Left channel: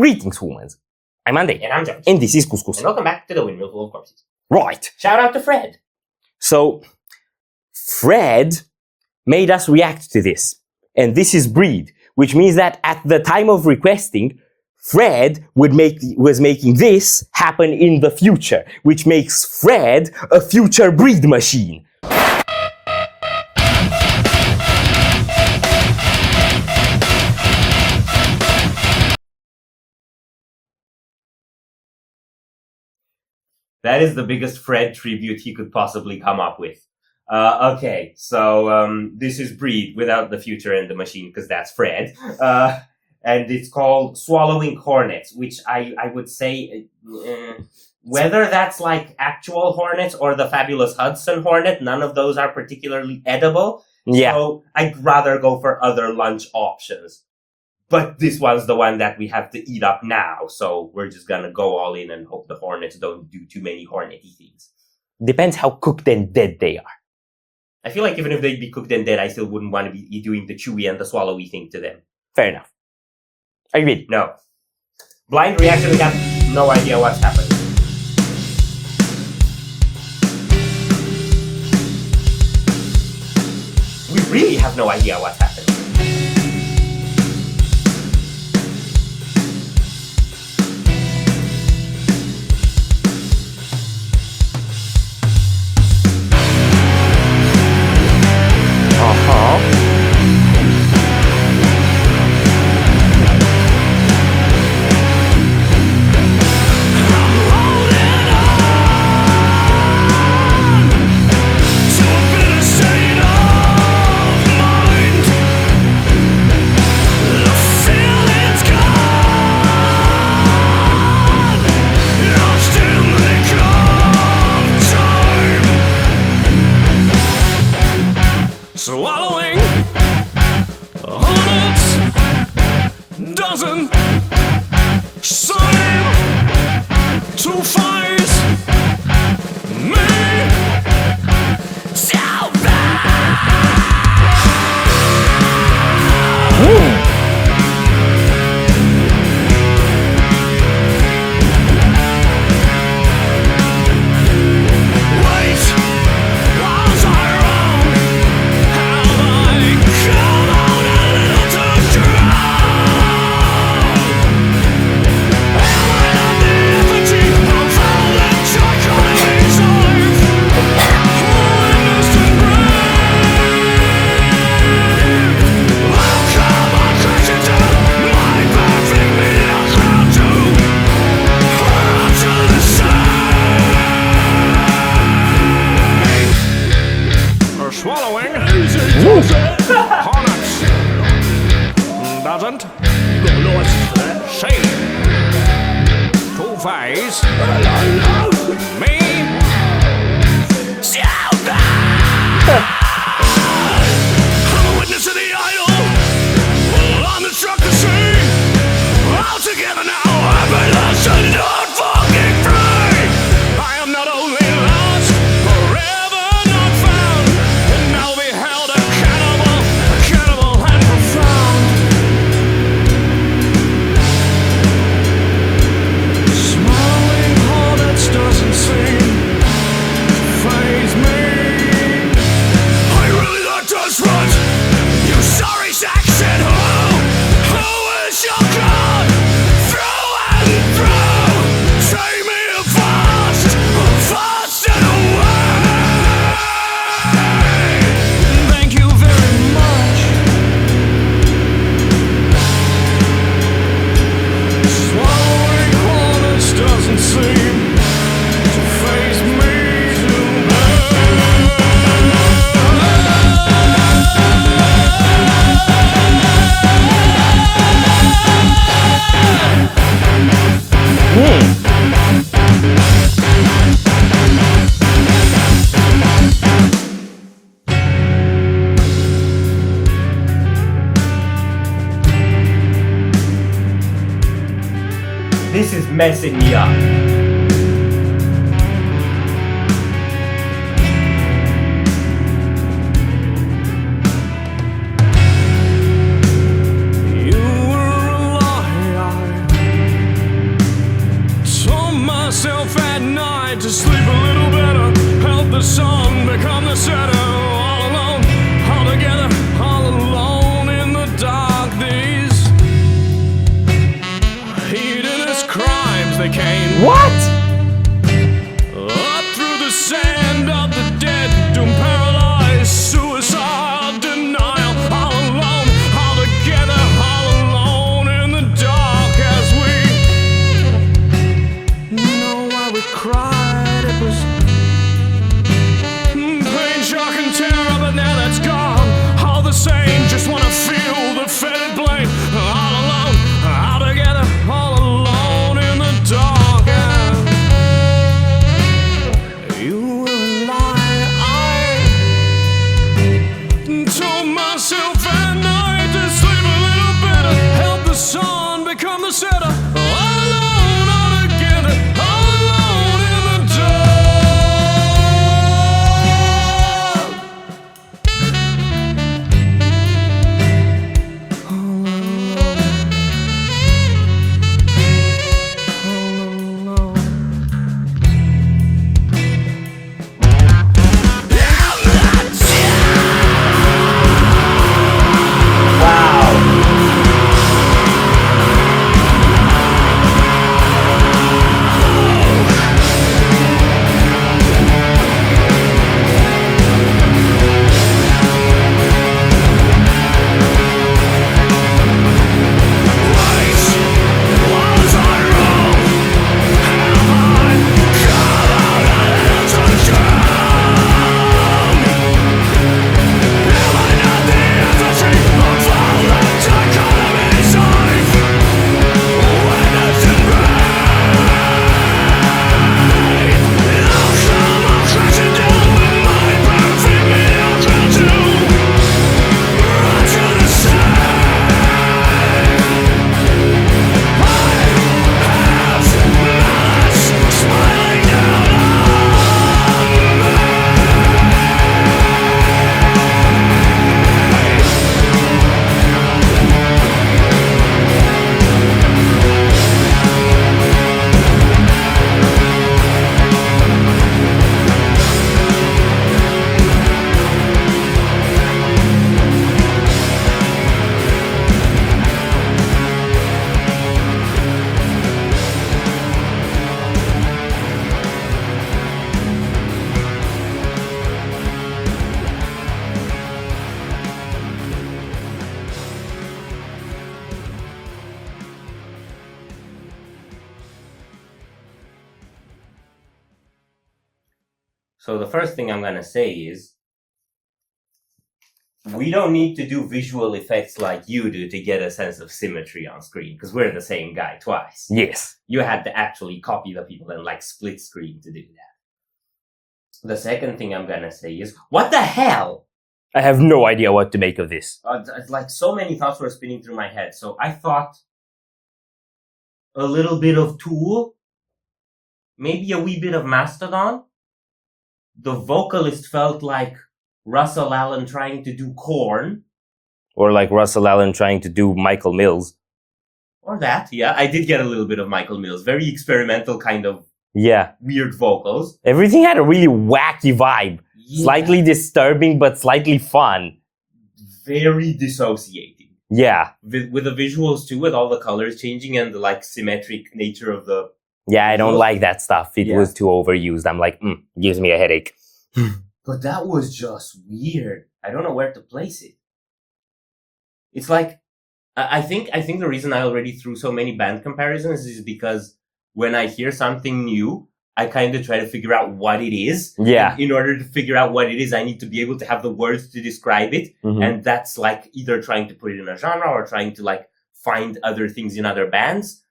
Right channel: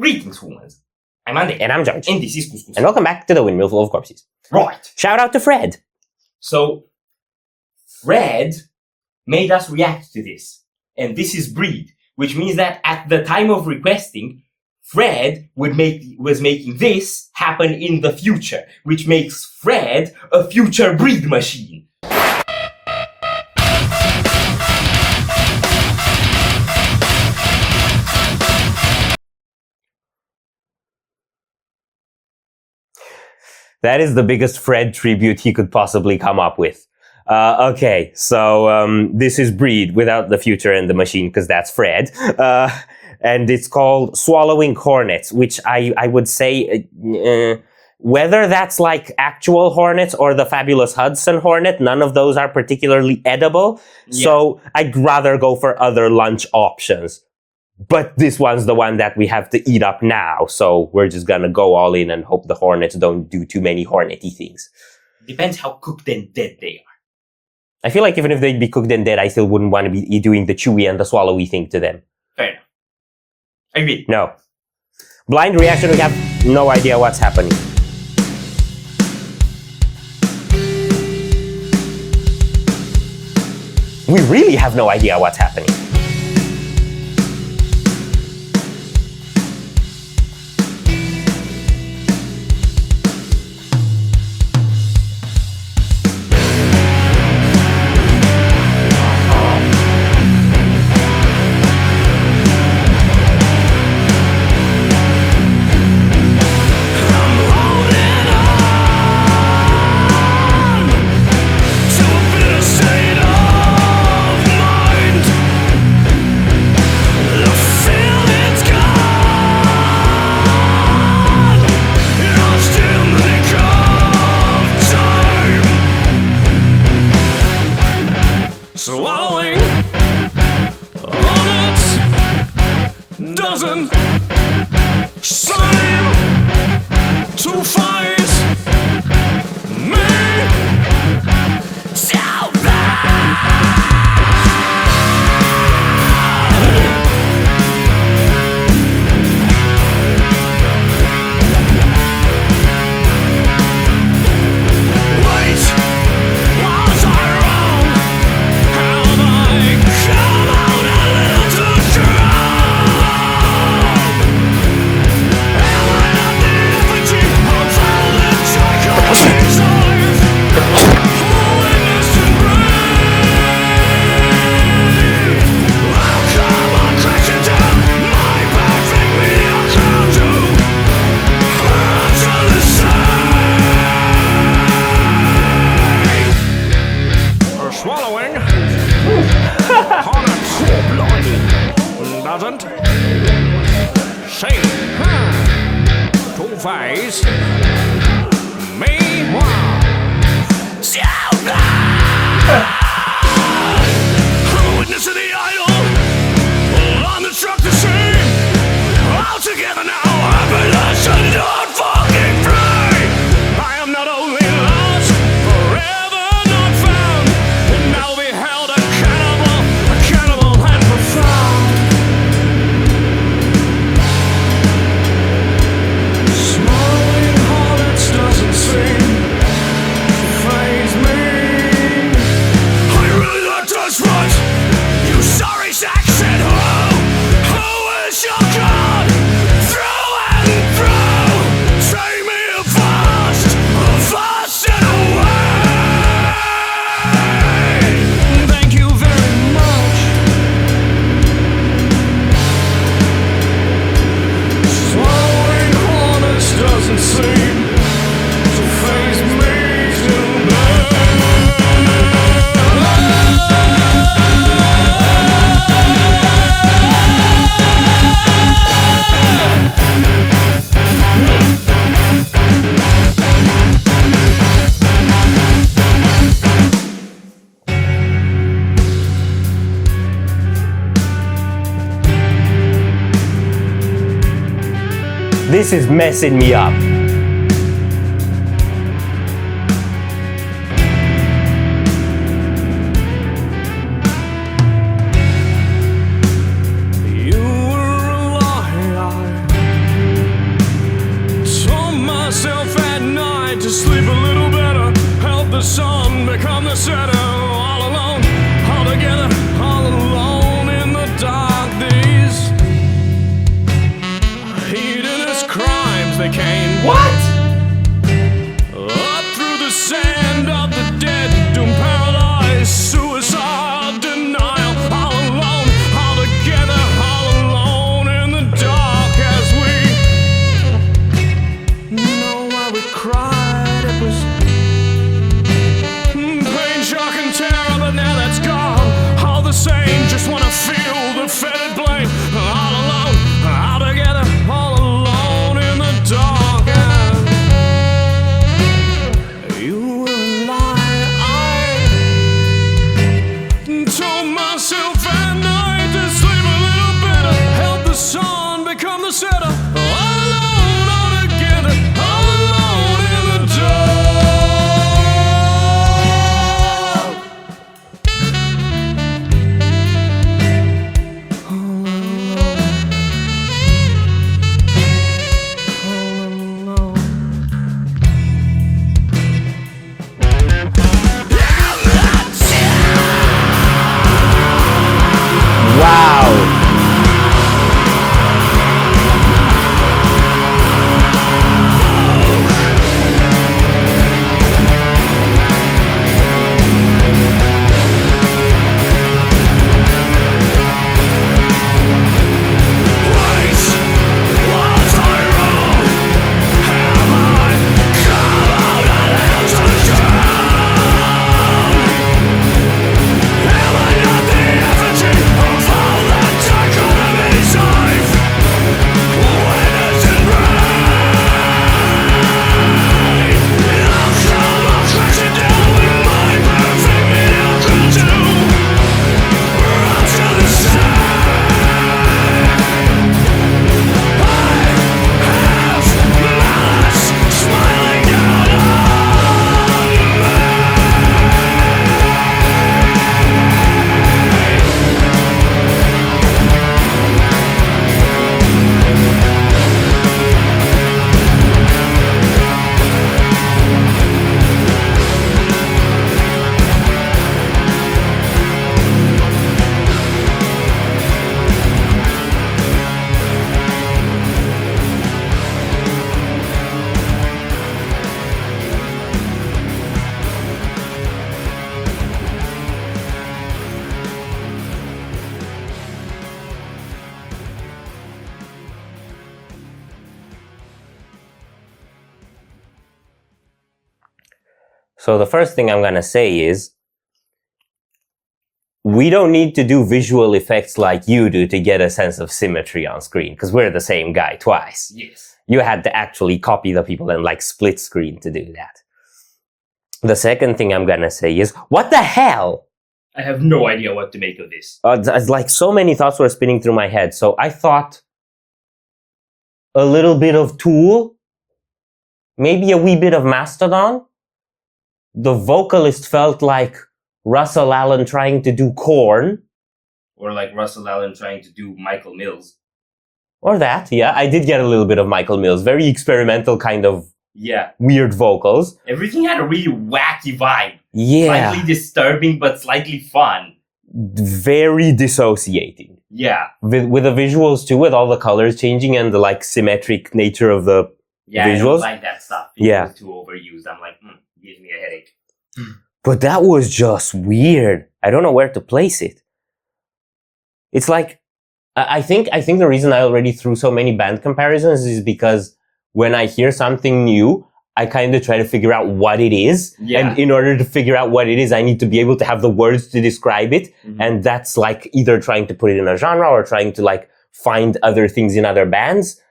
Greetings, humans. I'm Andy. And I'm George. And this is Couscous. And welcome back to the Windmill full of corpses. Right. Shout out to Fred. So, Fred made us react to this. And this is breed, which means that at the time of requesting, Fred was making this happen in the future, which makes Fred a future breed machine. That is the biggest Fred tribute he could possibly come up with. Okay, so this is breed without the future and the machine, because that's Fred. And it's called Swallowing Hornets, which I would say, whether that's like actual hornets or the fabulous Hudson hornet, none of those are particularly edible. Yeah. So I'd rather go for other lunch options. But this one's the one that we have to eat up now, so we're just gonna go all in and hope the hornets don't do too many hornety things. Depends how cooked and dead they are. I feel like even if they'd be cooked and dead, I still wouldn't want to be doing the chewy and the swallowy thing to them. Fair enough. I agree, no. Blind reaction, we have no idea what's happening. We really have no idea what's happening. Swallowing hornets doesn't seem to faze me so bad. Wait, was I wrong? Have I come out a little too strong? Am I not the effigy of all the dichotomies I've witnessed and braved? How come I crashed into my perfect mediocre to hurt to the same? Or swallowing hornets doesn't seem to faze me so bad. I'm a witness of the idol. Well, I'm the struck to see. All together now, happiness and not fucking free. I am not only lost, forever not found, and now beheld a cannibal and profound. Swallowing hornets doesn't seem to faze me. I really thought that's what you sorry sack said. Who is your God? Through and through, take me fast and away. Thank you very much. Swallowing hornets doesn't seem to faze me too This is messing me up. You were a lie I sleep a little better, help the sun become the center. All alone, all together, all alone in the dark. These hedonist crimes, they came. What? Up through the sand of the dead, doom, paralyzed, suicide, denial. All alone, all together, all alone in the dark. As we know why we cried, it was pain, shock, and terror, but now that's gone. All the same, just wanna feel the fetid blame. All alone, all together, all alone in the dark. And you were a lie. I told myself at night to sleep a little better, help the sun become the center. All alone, all together, all alone in the dark. All alone. Wait, was I wrong? Have I come out a little too strong? Am I not the effigy of all that dichotomy's life? Witness and brave. I'll come, I'll crashing down with my perfect mediocrity. Run to the side. I have malice smiling down on me. So the first thing I'm gonna say is, we don't need to do visual effects like you do to get a sense of symmetry on screen, because we're the same guy twice. Yes. You had to actually copy the people and like split screen to do that. The second thing I'm gonna say is, what the hell? I have no idea what to make of this. It's like so many thoughts were spinning through my head. So I thought a little bit of Tool, maybe a wee bit of Mastodon. The vocalist felt like Russell Allen trying to do Korn, or like Russell Allen trying to do Michael Mills. Or that, yeah. I did get a little bit of Michael Mills. Very experimental kind of, yeah, weird vocals. Everything had a really wacky vibe. Yeah. Slightly disturbing, but slightly fun. Very dissociating. Yeah. With the visuals too, with all the colors changing and the like symmetric nature of the visuals. I don't like that stuff. It was too overused. I'm like, gives me a headache. But that was just weird. I don't know where to place it. It's like, I think the reason I already threw so many band comparisons is because when I hear something new, I kind of try to figure out what it is. Yeah. And in order to figure out what it is, I need to be able to have the words to describe it. Mm-hmm. And that's like either trying to put it in a genre or trying to like find other things in other bands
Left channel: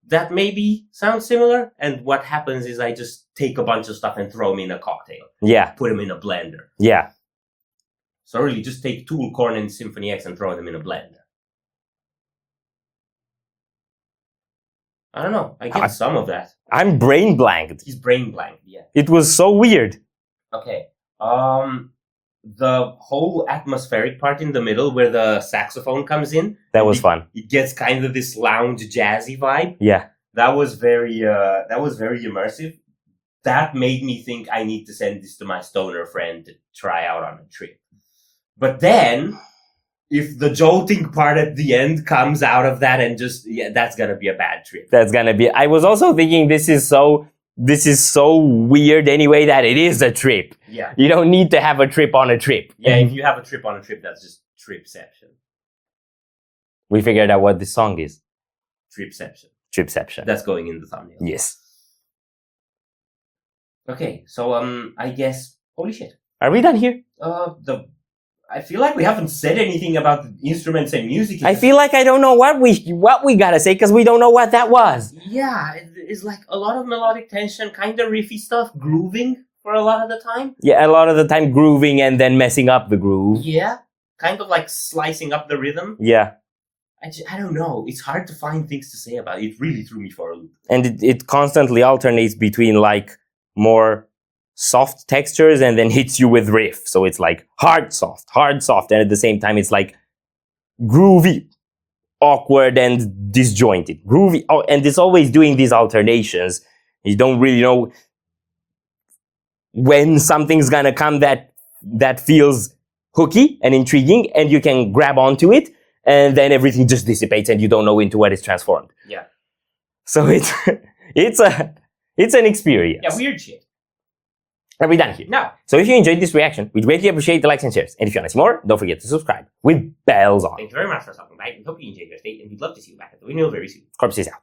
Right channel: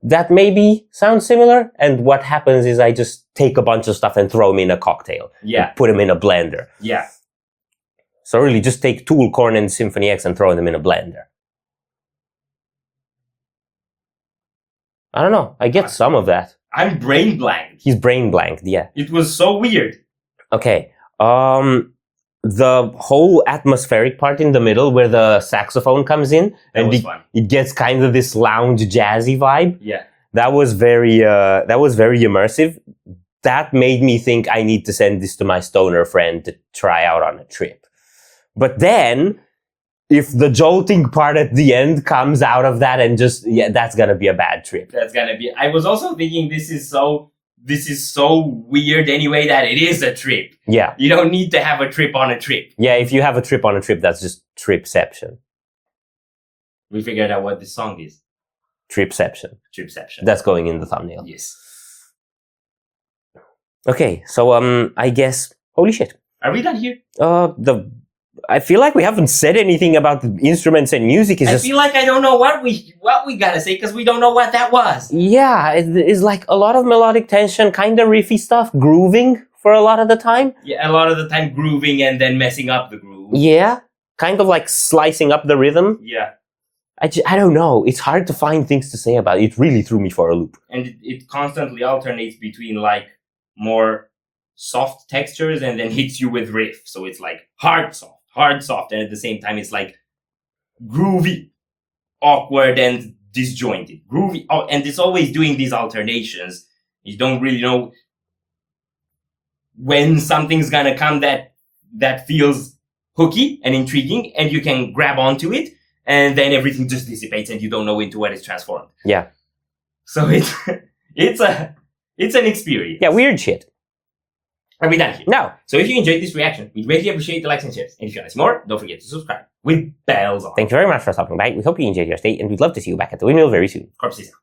that maybe sound similar. And what happens is I just take a bunch of stuff and throw them in a cocktail. Yeah. Put them in a blender. Yeah. So really just take Tool, Korn, and Symphony X and throw them in a blender. I don't know. I get some of that. I'm brain blanked. He's brain blanked, yeah. It was so weird. Okay. The whole atmospheric part in the middle where the saxophone comes in. That was fun. It gets kind of this lounge jazzy vibe. Yeah. That was very immersive. that made me think I need to send this to my stoner friend to try out on a trip. But then, if the jolting part at the end comes out of that and just, that's gonna be a bad trip. That's gonna be, I was also thinking this is so weird anyway that it is a trip. Yeah. You don't need to have a trip on a trip. Yeah, if you have a trip on a trip, that's just tripception. We figured out what this song is. Tripception. Tripception. That's going in the thumbnail. Yes. Okay, so I guess, holy shit. Are we done here? I feel like we haven't said anything about the instruments and music. I feel like I don't know what we gotta say because we don't know what that was. Yeah, it's like a lot of melodic tension, kind of riffy stuff, grooving for a lot of the time. Yeah, a lot of the time grooving and then messing up the groove. Yeah, kind of like slicing up the rhythm. Yeah. I don't know. It's hard to find things to say about it. It really threw me for a loop. And it constantly alternates between like more soft textures and then hits you with riff. So it's like hard, soft. And at the same time, it's like groovy, awkward, and disjointed. Groovy, and it's always doing these alternations. You don't really know when something's gonna come that feels hooky and intriguing and you can grab onto it, and then everything just dissipates and you don't know into what it's transformed. Yeah. So it's an experience. Yeah, weird shit. And we're done here. Now, so if you enjoyed this reaction, we'd greatly appreciate the likes and shares. And if you want to see more, don't forget to subscribe with bells on. Thank you very much for stopping by. We hope you enjoyed your stay, and we'd love to see you back at the Windmill very soon. Corpse is out.